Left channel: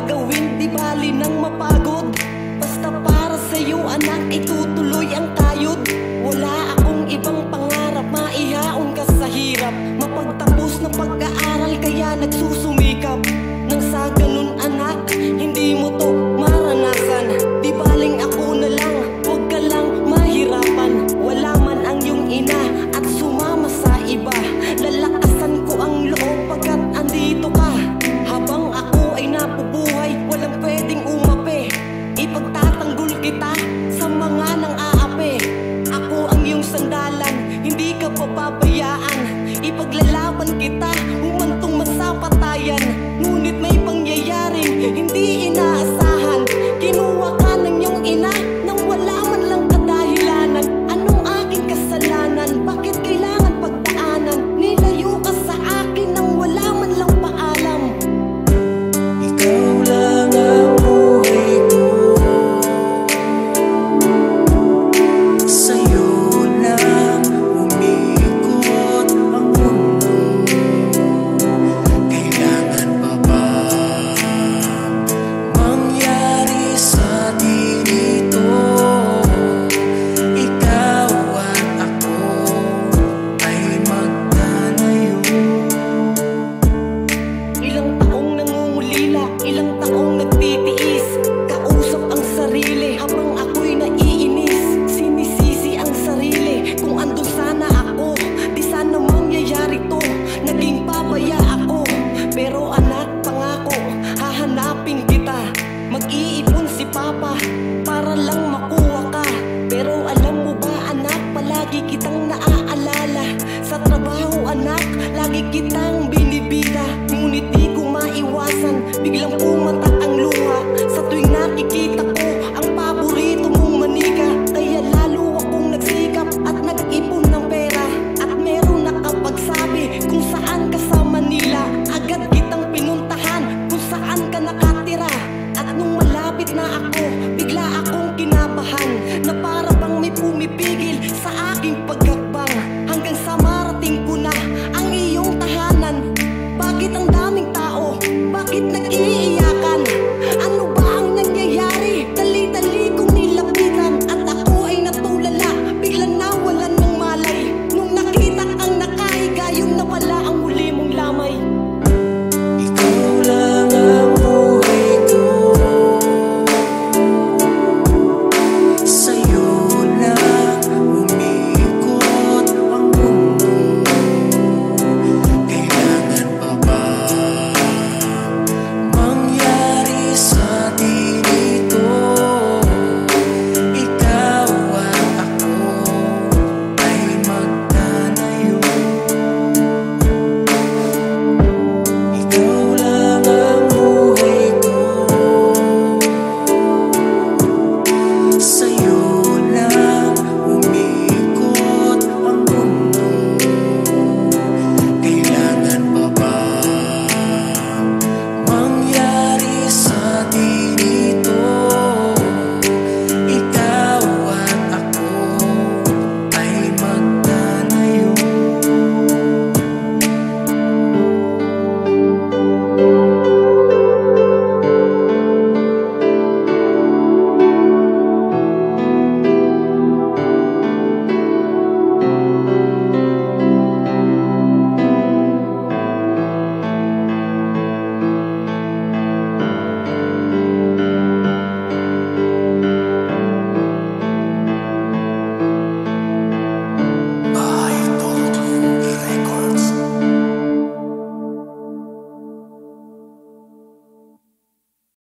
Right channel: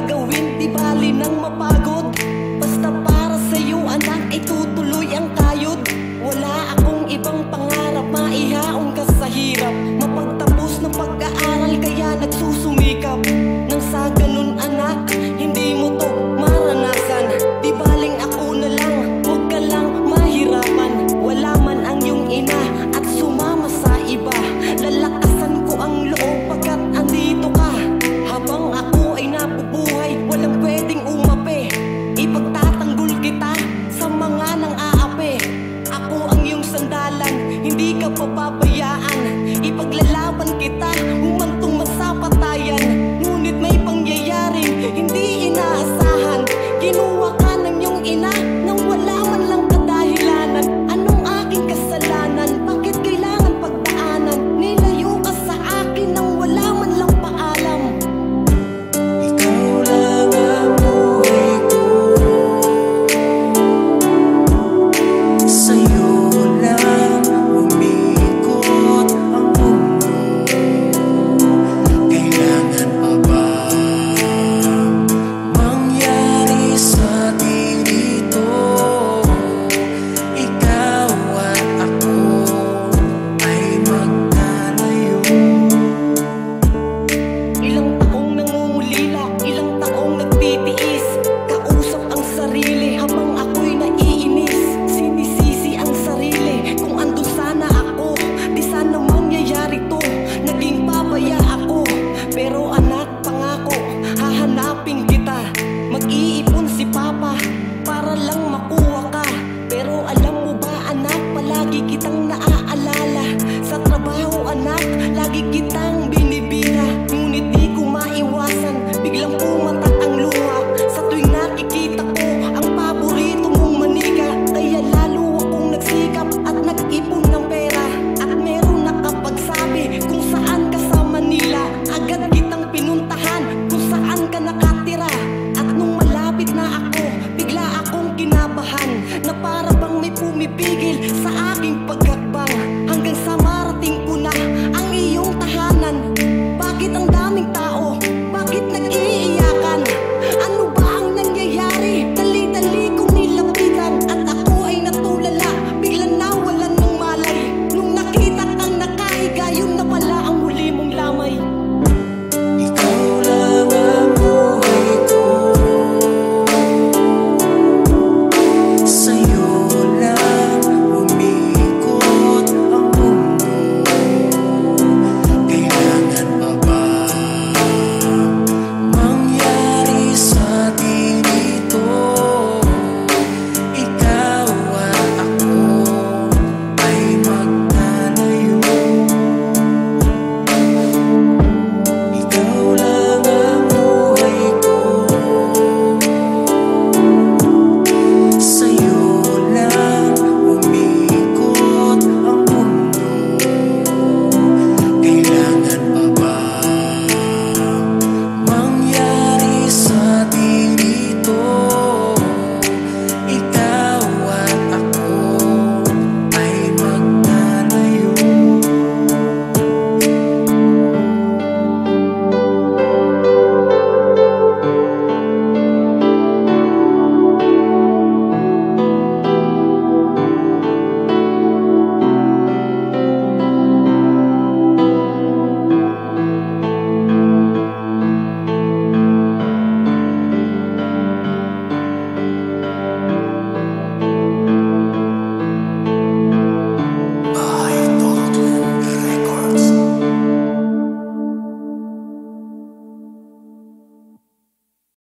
gagawin, di bali nang mapagod. Basta para sa'yo anak, itutuloy ang kayod. Wala akong ibang pangarap, maihaon ka sa hirap. Mapagtapos ng pag-aaral kaya nagsusumikap. Nang sa ganun anak, hindi mo to maranasan. Di baling ako na lang, huwag ka lang mahirapan. Wala man ang iyong ina at sumama sa iba. Lalakasan ko ang loob pagkat andito ka. Habang ako ay nabubuhay, walang pwedeng umape. Ipagtatanggol kita sa mga nang aape. Ako ang iyong sandalan, hindi ka pababayaan. Ipaglalaban kita, humantong man sa patayan. Ngunit may pangyayaring hindi inaasahan. Kinuha ka ng iyong ina nang wala man lang kadahilanan. Anong aking kasalanan? Bakit kailangan pagdaanan? Nilayo ka sa akin nang wala man lang paalam. Ikaw lang ang buhay ko, sa'yo lang umikot ang mundo. Kailangan pa ba mangyari sa atin ito? Ikaw at ako ay magkalayo. Ilang taong nangungulila, ilang taong nagtitiis. Kausap ang sarili habang ako'y naiinis. Sinisisi ang sarili kung andun sana ako. Di sana mangyayari to, naging pabaya ako. Pero anak, pangako, hahanapin kita. Mag-iipon si papa para lang makuha ka. Pero alam mo ba anak, palagi kitang naaalala. Sa trabaho anak, lagi kitang binibida. Ngunit di ko maiwasan, biglang pumatak ang luha. Sa tuwing nakikita ko ang paborito mong manika. Kaya lalo akong nagsikap at nag-ipon ng pera. At meron nakapagsabi kung saan ka sa Manila. Agad kitang pinuntahan kung saan ka nakatira. At nung malapit na ako, bigla akong kinabahan. Na para bang may pumipigil sa aking paghakbang. Hanggang sa marating ko na ang iyong tahanan. Bakit ang daming tao? Bakit nag